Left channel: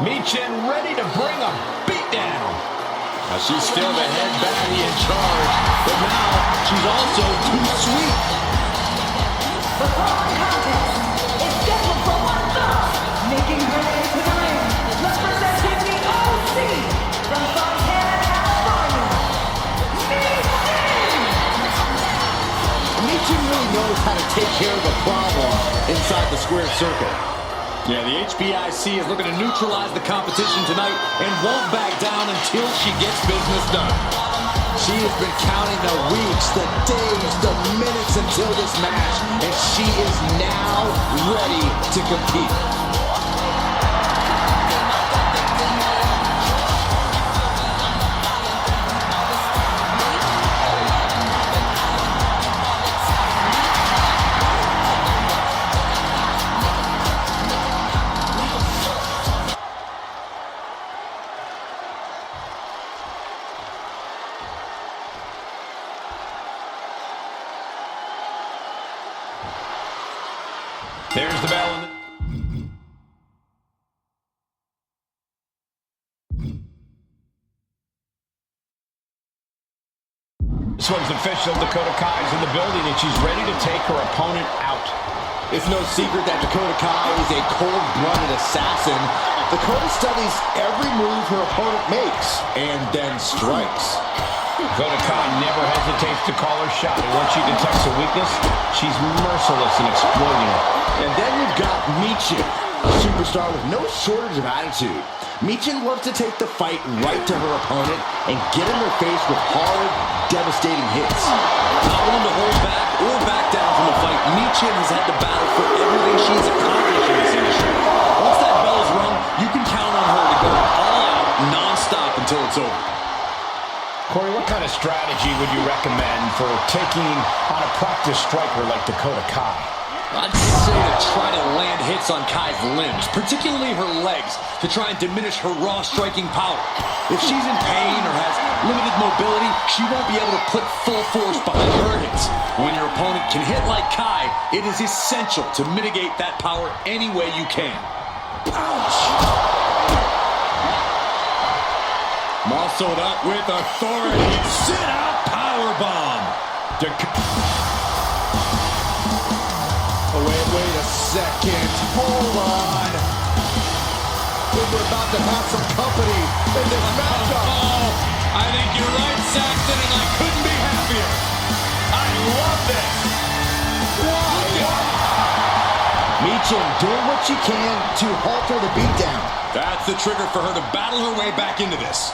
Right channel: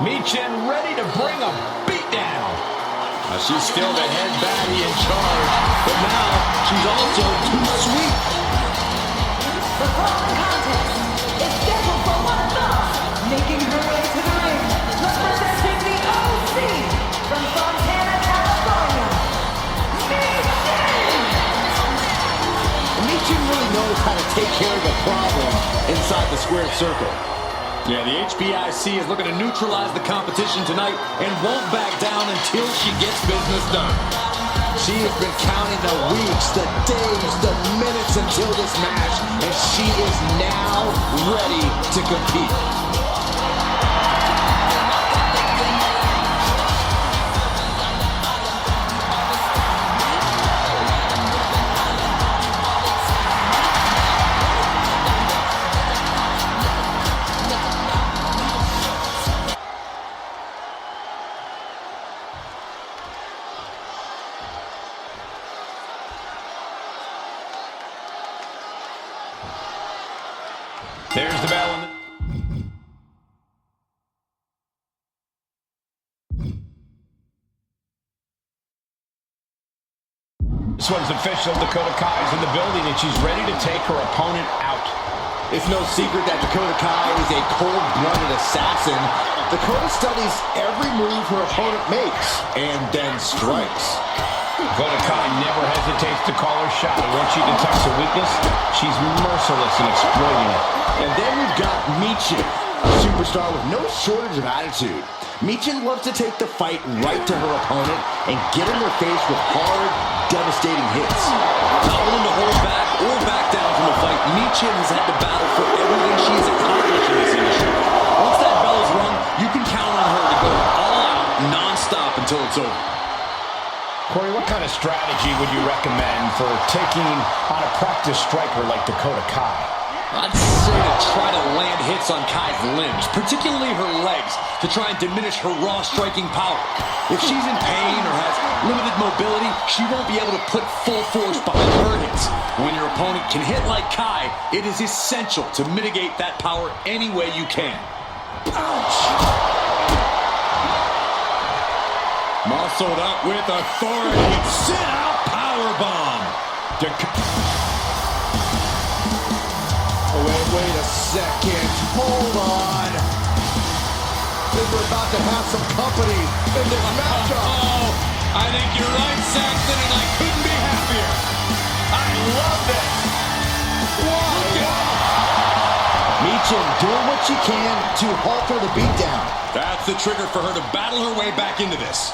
Michin ready to bring a beatdown. She's still the head baddie in charge, but now she's also too sweet. The following contest is scheduled for one fall. Making her way to the ring, representing the OC from Fontana, California, Michin! Michin really knows how to take care of a problem inside the square circle. Yeah, the HBIC is looking to neutralize the competition tonight and won't back down until she gets business done. She has been counting the weeks, the days, the minutes until this match, and she is now ready to compete. There's the bell. This one's official. Dakota Kai is in the building, and she's ready to take her opponent out. It's no secret that Dakota Kai is a cold-blooded assassin. Dakota studies every move her opponent makes and then strikes. Dakota Kai never hesitates to call her shot, and once she detects a weakness, she's merciless in exploiting it. And then we've got Michin, a superstar with no shortage of attitude. Michin loves to take the fight right to her opponent and get in their face with hard, devastating hits. Not willing to hold back or back down from a fight, Michin has had to battle for everything she's accomplished in this industry. Once that bell is rung, you can count on her to go all out, non-stop until it's over. Corey, what kind of strategy would you recommend for taking on a practice striker like Dakota Kai? I'd say to try to land hits on Kai's limbs, particularly her legs, to try and diminish her raw striking power. If she's in pain or has limited mobility, she won't be able to put full force behind her hits. When your opponent can hit like Kai, it is essential to mitigate that power any way you can. Ouch! Muscled up with authority. Sit-out powerbomb. Oh, wait a second. Hold on. We're about to have some company in this matchup. Oh, I think you're right, Saxton, and I couldn't be happier. I love this. Why? Michin doing what she can to halter the beatdown. That's the trigger for her to battle her way back into this.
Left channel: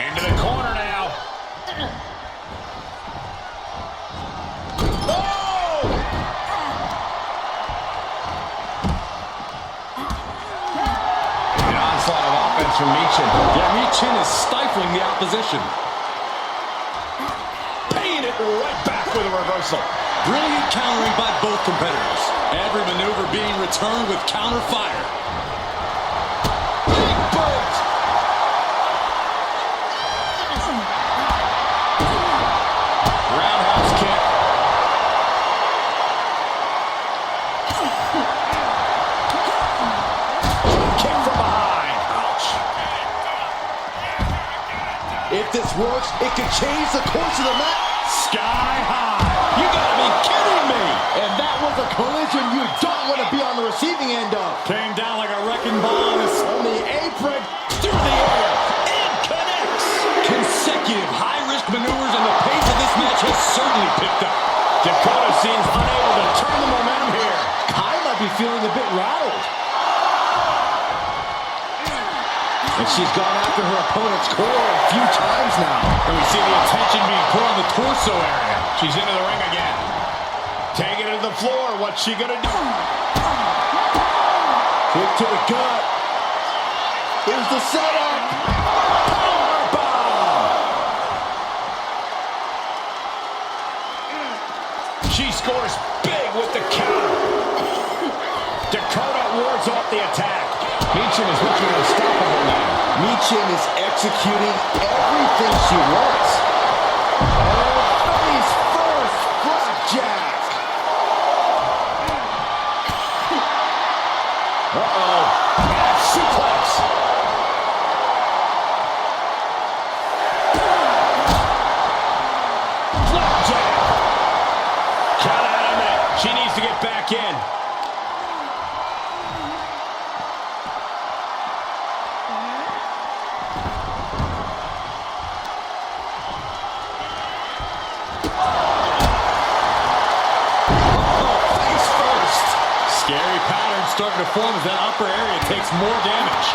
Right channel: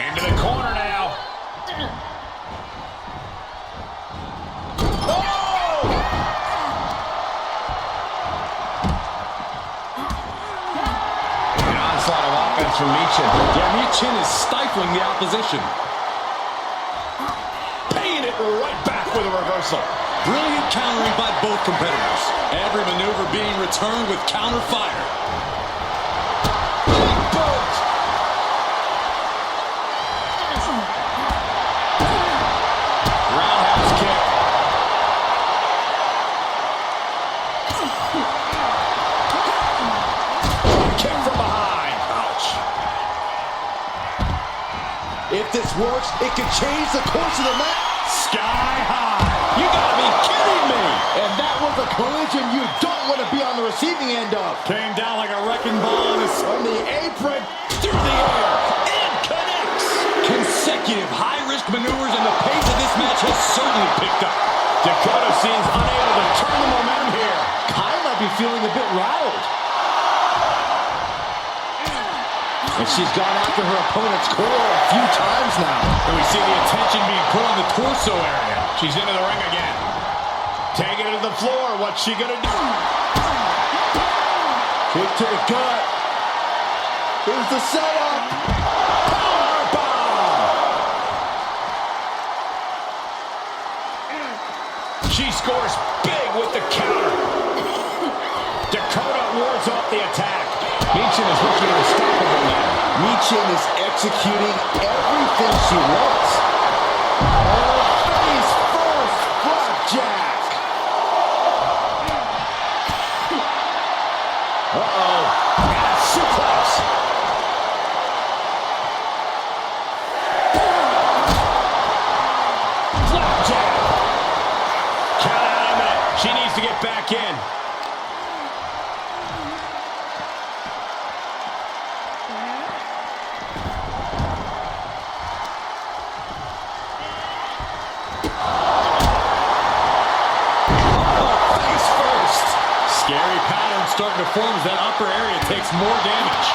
Into the corner now. Onslaught of offense from Michin. Yeah, Michin is stifling the opposition. Paying it right back with a reversal. Brilliant countering by both competitors. Every maneuver being returned with counter fire. Big boot! Roundhouse kick. Kick from behind. Ouch. If this works, it could change the course of the match. Sky high. You gotta be kidding me. And that was a collision you don't want to be on the receiving end of. Came down like a wrecking ball On the apron. through the air. It connects. Consecutive high-risk maneuvers, and the pace of this match has certainly picked up. Dakota seems unable to turn the momentum here. Kai might be feeling a bit rattled. And she's gone after her opponent's core a few times now. And we see the attention being put on the torso area. She's into the ring again. Taking it to the floor. What's she gonna do? Kick to the gut. Here's the setup. Powerbomb. She scores big with the counter. Dakota wards off the attack. Michin is looking unstoppable now. Michin is executing everything she wants. Face first, flapjack. Uh-oh. She needs to get back in. Scary pattern starting to form as that upper area takes more damage.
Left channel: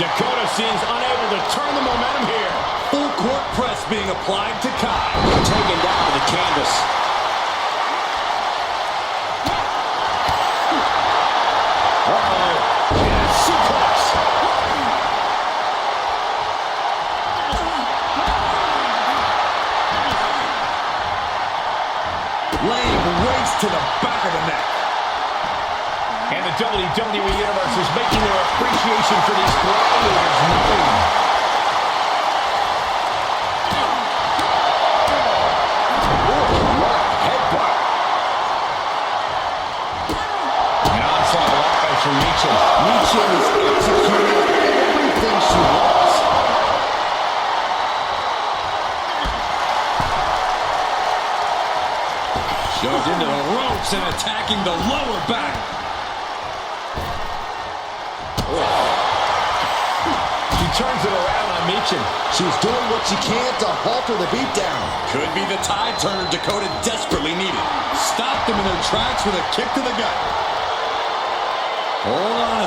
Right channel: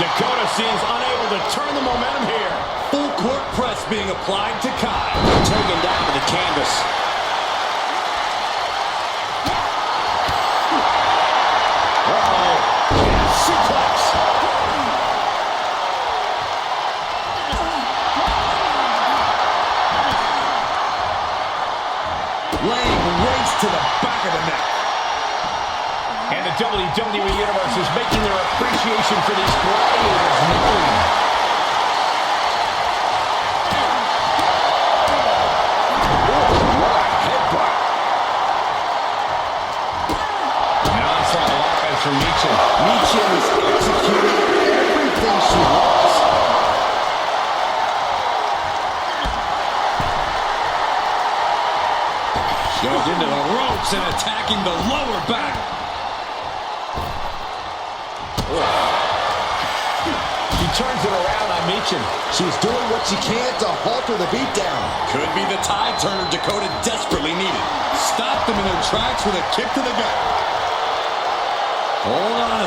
Dakota seems unable to turn the momentum here. Full court press being applied to Kai. Taken down to the canvas. Uh-oh. Yeah, suplex. Laying waste to the back of the neck. And the WWE Universe is making their appreciation for these gladiators known. What a headbutt. An onslaught of offense from Michin. Michin is executing everything she wants. Shoved into the ropes and attacking the lower back. She turns it around on Michin. She's doing what she can to halter the beatdown. Could be the tide turner Dakota desperately needed. Stopped them in their tracks with a kick to the gut. Hold on.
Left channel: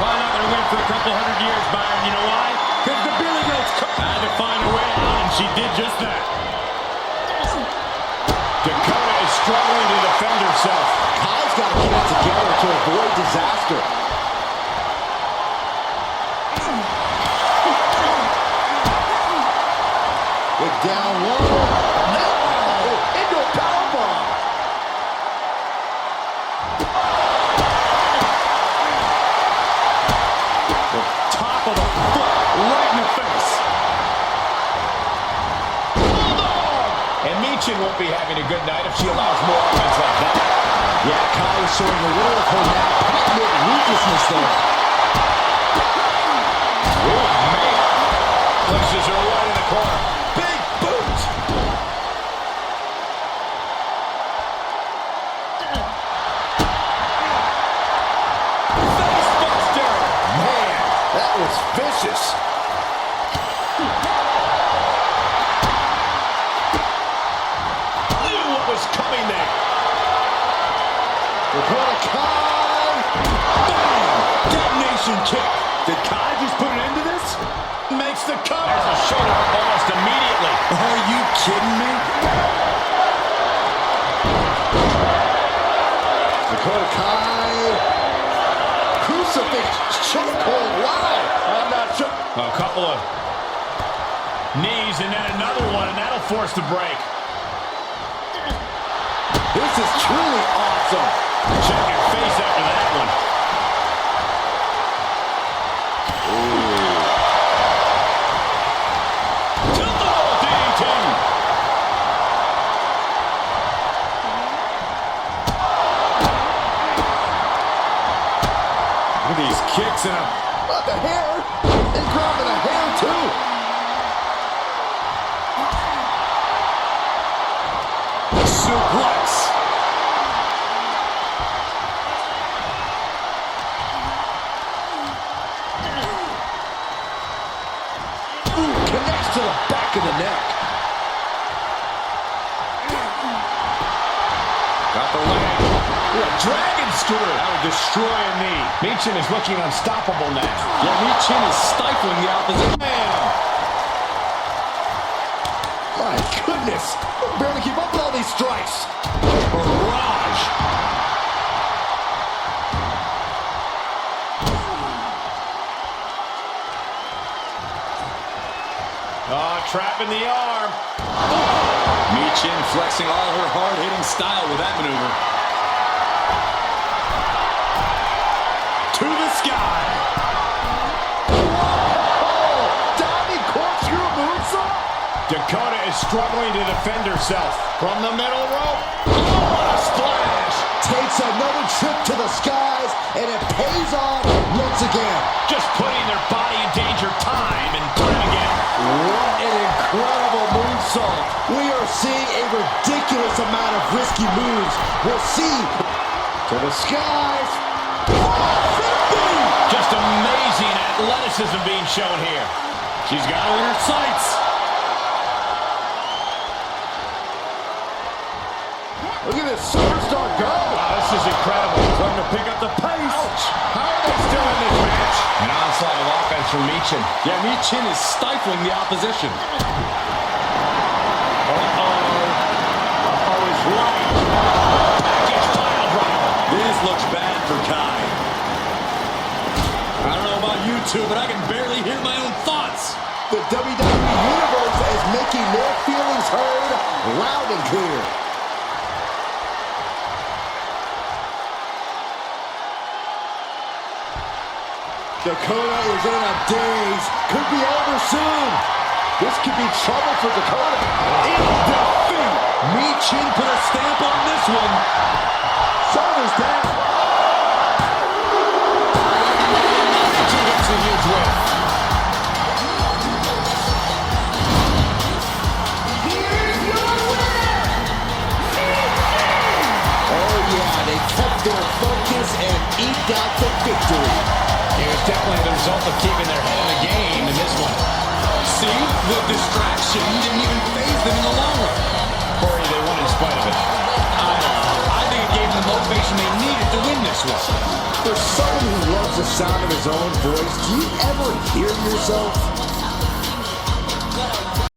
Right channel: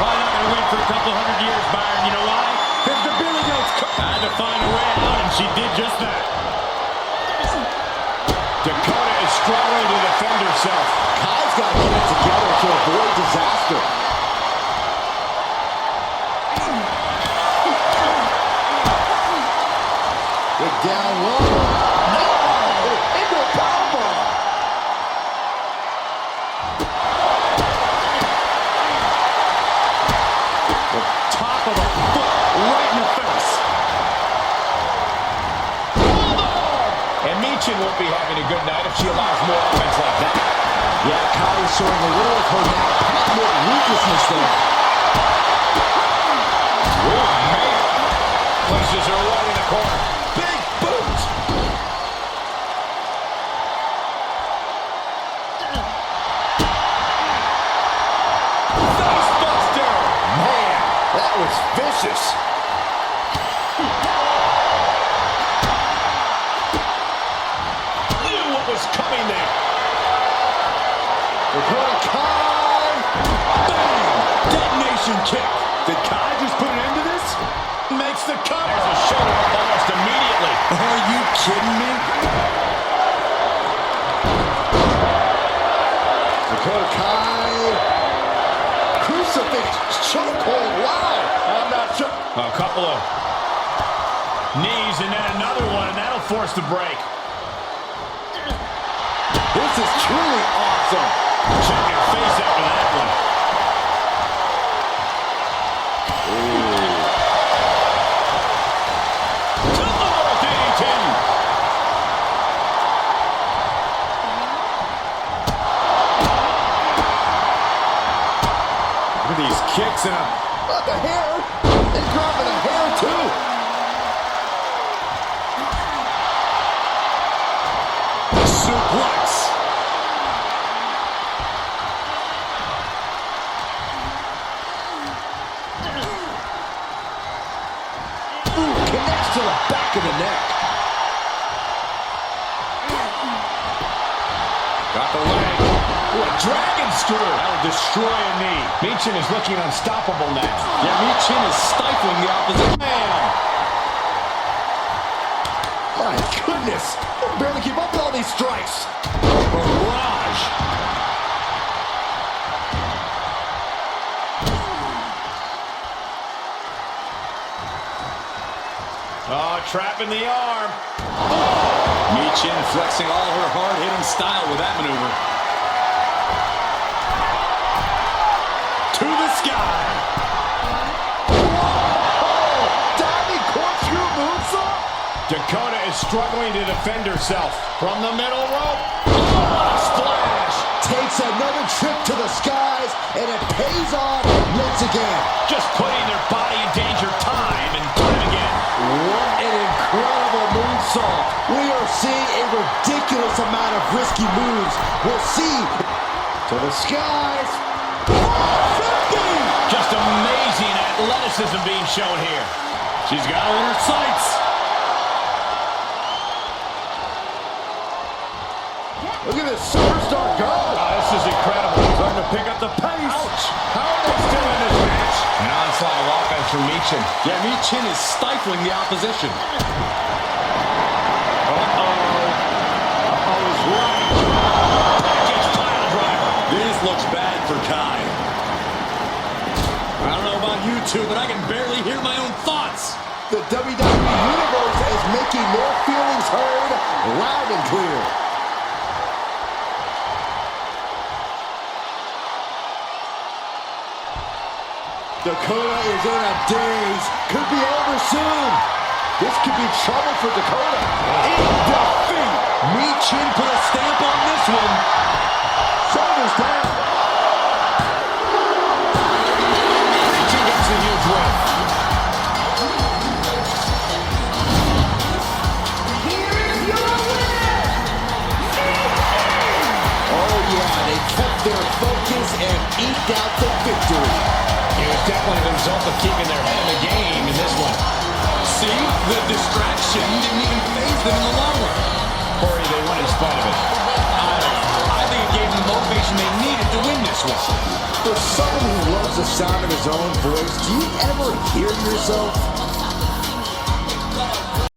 Probably not going to win for a couple hundred years, Byron. You know why? Because the Billy Goats had to find a way out, and she did just that. Dakota is struggling to defend herself. Kai's got to get it together to avoid disaster. Down low. No! Into a powerbomb. The top of the foot right in the face. Bulldog! And Michin won't be having a good night if she allows more offense like that. Yeah, Kai is showing a little of her now patented ruthlessness there. Oh, man. Places her right in the corner. Big boot! Facebuster! Man, that was vicious. Knew what was coming there. Dakota Kai. Bang! Detonation kick. Did Kai just put an end to this? Makes the cover. There's a shoulder up almost immediately. Are you kidding me? Dakota Kai. Crucifix chokehold. Wow. I'm not sure. A couple of knees and then another one, and that'll force the break. This is truly awesome. Check your face after that one. These kicks and But the hair. And dropping a hair, too. suplex. Ooh, connects to the back of the neck. Got the leg. Ooh, a dragon screw. That would destroy a knee. Michin is looking unstoppable now. Yeah, Michin is stifling the opposition. Bam! My goodness. We'll barely keep up with all these strikes. Barrage. Oh, trapping the arm. Michin flexing all her hard-hitting style with that maneuver. To the sky. Whoa! Diving corkscrew moonsault? Dakota is struggling to defend herself. From the middle rope. Oh, what a splash. Takes another trip to the skies, and it pays off once again. Just putting their body in danger time and time again. What an incredible moonsault. We are seeing a ridiculous ridiculous amount of risky moves. We'll see. To the skies. 450! Just amazing athleticism being shown here. She's got her in her sights. Look at this superstar go. Oh, this is incredible. Starting to pick up the pace. Ouch. How are they still in this match? An onslaught of offense from Michin. Yeah, Michin is stifling the opposition. Uh-oh is right. Package pile driver. This looks bad for Kai. I don't know about you two, but I can barely hear my own thoughts. The WWE Universe is making their feelings heard loud and clear. Dakota is in a daze. Could be over soon. This could be trouble for Dakota. In defeat. Michin put a stamp on this one. Shoulders down. Michin gets a huge win. Here's your winner, Michin! Oh yeah, they kept their focus and eked out the victory. It was definitely the result of keeping their head in the game in this one. See, the distraction didn't even faze them in the long run. Corey, they won in spite of it. I don't know. I think it gave them the motivation they needed to win this one. For someone who loves the sound of his own voice, do you ever hear yourself?